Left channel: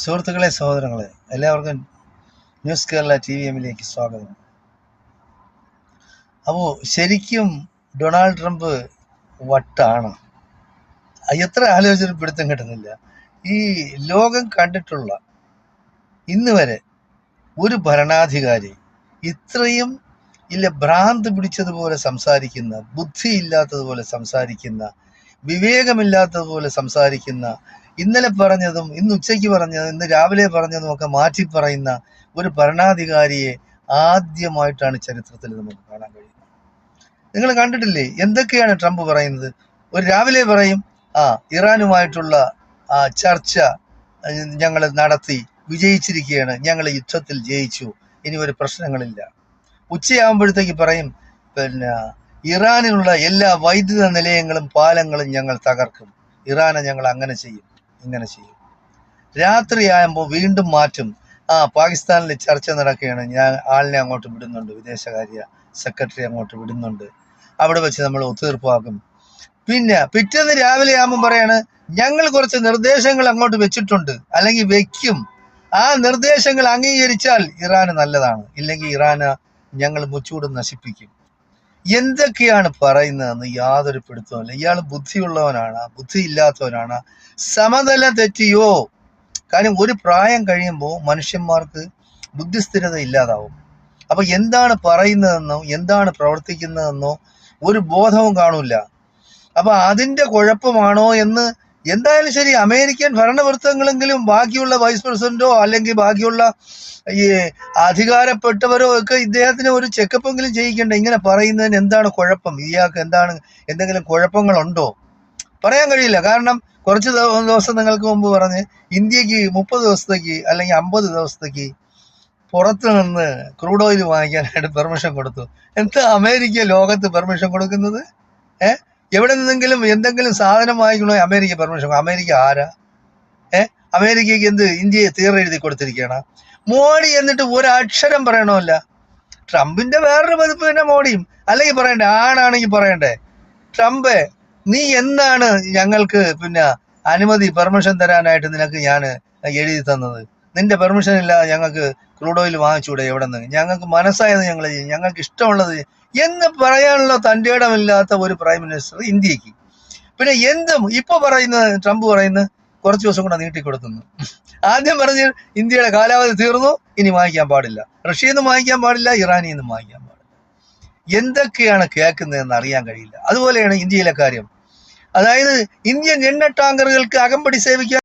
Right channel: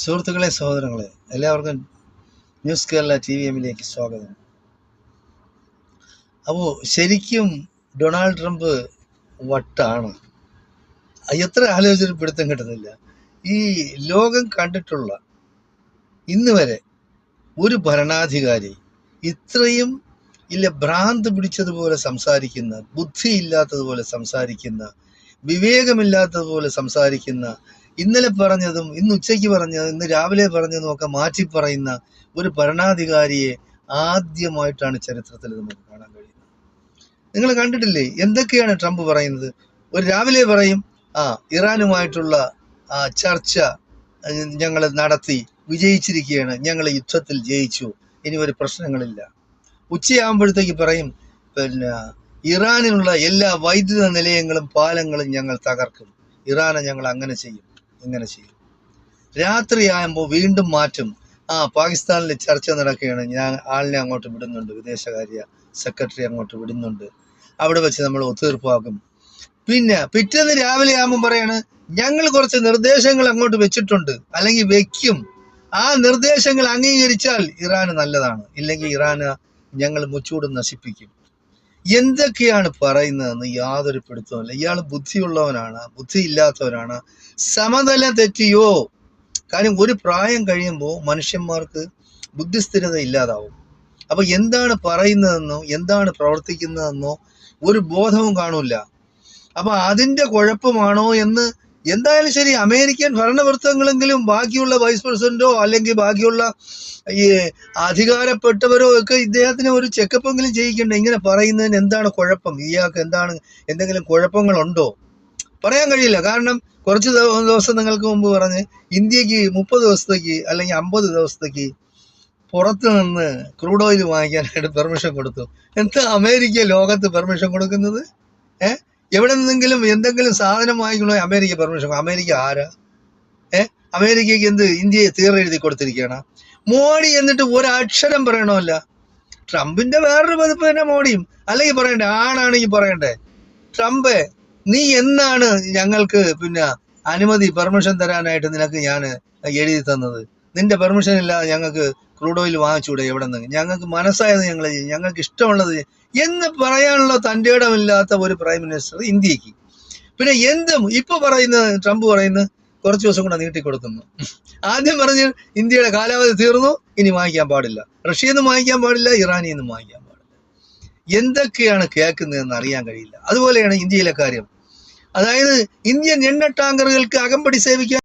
സുഹൃത്തുക്കളെ, സഹോദരങ്ങളെ, എല്ലാവർക്കും ന്യൂസ് കേരള TVM-ലേക്ക് സ്വാഗതം. അപ്പോൾ ശരിക്കും ഡൊണാൾഡ് ട്രംപ് വട്ടാണ്. എത്ര ആലോചിച്ചിട്ട് പിടുത്തം കിട്ടുന്നില്ല. ഈ ലോകം കണ്ടിട്ടുള്ള ഇന്ന് വരെ ഒരു ഭരണാധികാരി ഇത്രയും ഭ്രാന്ത് പിടിച്ചതുപോലെ സംസാരിക്കുന്ന, ബുദ്ധിയില്ലാത്തതുപോലെ സംസാരിക്കുന്ന, വിവേകമില്ലാത്തതുപോലെ സംസാരിക്കുന്ന, ഇന്നലെ പറഞ്ഞതും ഇന്ന് ഉച്ചയ്ക്ക് പറഞ്ഞതും ഇന്ന് രാവിലെ പറഞ്ഞതും ഒക്കെ മാറ്റി പറയുന്ന ഒരു ഭരണാധികാരിയെ ആദ്യമായിട്ടാണ് ചരിത്രത്തിൽ നമുക്ക് കാണാൻ കഴിയുന്നത്. നിങ്ങൾ കണ്ടിട്ടില്ലേ എന്തൊക്കെയാണ് ട്രംപ് പറയുന്നത്? ഒരു രാവിലെ പറയും, ഇറാനുമായിട്ടുള്ള ചർച്ച ഞങ്ങൾ നടത്തി വിജയിച്ചിരിക്കുകയാണ്, ഞങ്ങൾ യുദ്ധത്തിൽ ജയിച്ചു, ഇനി ഒരു പ്രശ്നങ്ങളില്ല. ഉച്ചയാകുമ്പോഴത്തേക്ക് പറയും, ഇറാനിലുള്ള എല്ലാ വൈദ്യുത നിലയങ്ങളും പാലങ്ങളും ഞങ്ങൾ തകർക്കും, ഇറാനെ ഞങ്ങൾ അങ്ങനെ ചെയ്യും, ഇങ്ങനെ ചെയ്യും. രാത്രിയാകുമ്പോൾ വീണ്ടും മാറ്റും, പാകിസ്ഥാനിൽ ചർച്ച നടക്കുകയാണ്, ഞാൻ ആളിനെ അങ്ങോട്ട് വിടുന്നുണ്ട്, വിദേശകാര്യ സെക്രട്ടറി അങ്ങോട്ട് വിടുന്നുണ്ട്, അവിടെ വെച്ച് നമ്മൾ ഒത്തുതീർപ്പാക്കും. പിന്നെ പിറ്റേന്ന് രാവിലെ ആകുമ്പോൾ പറയാണ്, ഞങ്ങൾ കുറച്ച് നിർദ്ദേശങ്ങൾ അങ്ങോട്ട് വെച്ചിട്ടുണ്ട്, അല്ലെങ്കിൽ വെക്കും, ആ നിർദ്ദേശങ്ങൾ അംഗീകരിച്ചാൽ ഇറാന് നല്ലതാണ്, ഇല്ലെങ്കിൽ ഇറാന് ഞങ്ങൾ മുച്ചൂടും നശിപ്പിക്കും. എന്തൊക്കെയാണ് പറയുന്നതെന്ന് യാതൊരു പിടുത്തവുമില്ല. ഇയാൾ ബുദ്ധിയുള്ളവനാണ്, ബുദ്ധിയില്ലാത്തവനാണ്, സമതലം തെറ്റിയോ? കാര്യം ഒരു പ്രായം കഴിയുമ്പോൾ മനുഷ്യന്മാർക്ക് ബുദ്ധിസ്ഥിരത ഇല്ലാതാവും. അപ്പൊ എന്താണ് പറയുന്നതെന്നോ എന്താണ് പ്രവർത്തിക്കുന്നതെന്നോ ഒരു ബോധവും കാണൂല. അപ്പൊ അതിന്റെ കുഴപ്പമാണോ എന്ന് എന്തായാലും ശരി, അമേരിക്കൻ ഭരണവൃത്തങ്ങളെങ്കിലും ബാക്കിയുള്ള വൈസ് പ്രസിഡന്റോ അല്ലെങ്കിൽ ബാക്കിയുള്ള ഈ അധികാരപ്പെട്ടവരോ ഒക്കെ ഇദ്ദേഹത്തിന് ഒരു ചെക്കപ്പെങ്കിലും ചെയ്യിക്കണ്ടേ? ഇങ്ങനെ പറയുന്നതിന് എന്താണ് കുഴപ്പം? ഇയാൾക്ക് എന്തെങ്കിലും കുഴപ്പങ്ങളുണ്ടോ? പറയാൻ കഴിയില്ല. കാരണം കുറച്ച് ദിവസം നിങ്ങൾക്ക് മുമ്പ് പറഞ്ഞ് ഇന്ത്യക്ക് 30 ദിവസത്തേക്ക് അല്ലെങ്കിൽ 50 ദിവസത്തേക്ക് പുറത്ത് നിന്ന് ക്രൂഡ് ഓയിൽ വാങ്ങിക്കാനായിട്ട് പെർമിഷൻ കൊടുത്തു. എന്താ അമേരിക്ക ലോകത്ത് പെർമിഷൻ കൊടുക്കുന്നത്? എവിടെ നിന്നെങ്കിലും എന്തെങ്കിലും സാധനം വാങ്ങിക്കണോ അമേരിക്ക പെർമിഷൻ? അമേരിക്ക ആരാ? അമേരിക്കക്ക് എന്ത് ഇന്ത്യയെ തീരെഴുതി കൊടുത്തിരിക്കുകയാണ്? മോഡി എന്നിട്ട് ഒരക്ഷരം പറയണമല്ല. ട്രംപിന്റെ വേറൊരു പതിപ്പ് തന്നെ മോഡിയും. അല്ലെങ്കിൽ പറയണ്ടേ, ആണാണെങ്കിൽ പറയണ്ടേ, ട്രംപ് നീ എന്നാണ് ഞങ്ങൾക്ക് അനുമതി പെർമിഷൻ തരാനായിട്ട് നിനക്ക് ഞാൻ എഴുതി തന്നത്? നിന്റെ പെർമിഷൻ ഇല്ലാതെ ഞങ്ങൾക്ക് ക്രൂഡ് ഓയിൽ വാങ്ങിച്ചൂടെ? എവിടെ നിന്ന്? ഞങ്ങൾക്ക് മനസ്സായത് ഞങ്ങൾ ചെയ്യും, ഞങ്ങൾക്ക് ഇഷ്ടമുള്ളത് എന്ന് പറയാനുള്ള തൻ്റെ ഇടമില്ലാത്ത ഒരു പ്രൈം മിനിസ്റ്റർ ഇന്ത്യക്ക്. പിന്നെ എന്തും ഇപ്പൊ പറയുന്നത്, ട്രംപ് പറയുന്നത് കുറച്ച് ദിവസം കൂടെ നീട്ടിക്കൊടുക്കുന്നു. ആദ്യം പറഞ്ഞ് ഇന്ത്യയുടെ കാലാവധി തീർന്നു, ഇനി വാങ്ങിക്കാൻ പാടില്ല, റഷ്യയിൽ നിന്നും വാങ്ങിക്കാൻ പാടില്ല, ഇറാനിൽ നിന്നും വാങ്ങിക്കാൻ പാടില്ല. എന്തൊക്കെയാണ് കേൾക്കുന്നതെന്ന് അറിയാൻ കഴിയില്ല. അതുപോലെയാണ് ഇന്ത്യയിലെ കാര്യം. അതായത് ഇന്ത്യൻ എണ്ണ ടാങ്കറുകൾക്ക് അകമ്പടി സേവിക്കാൻ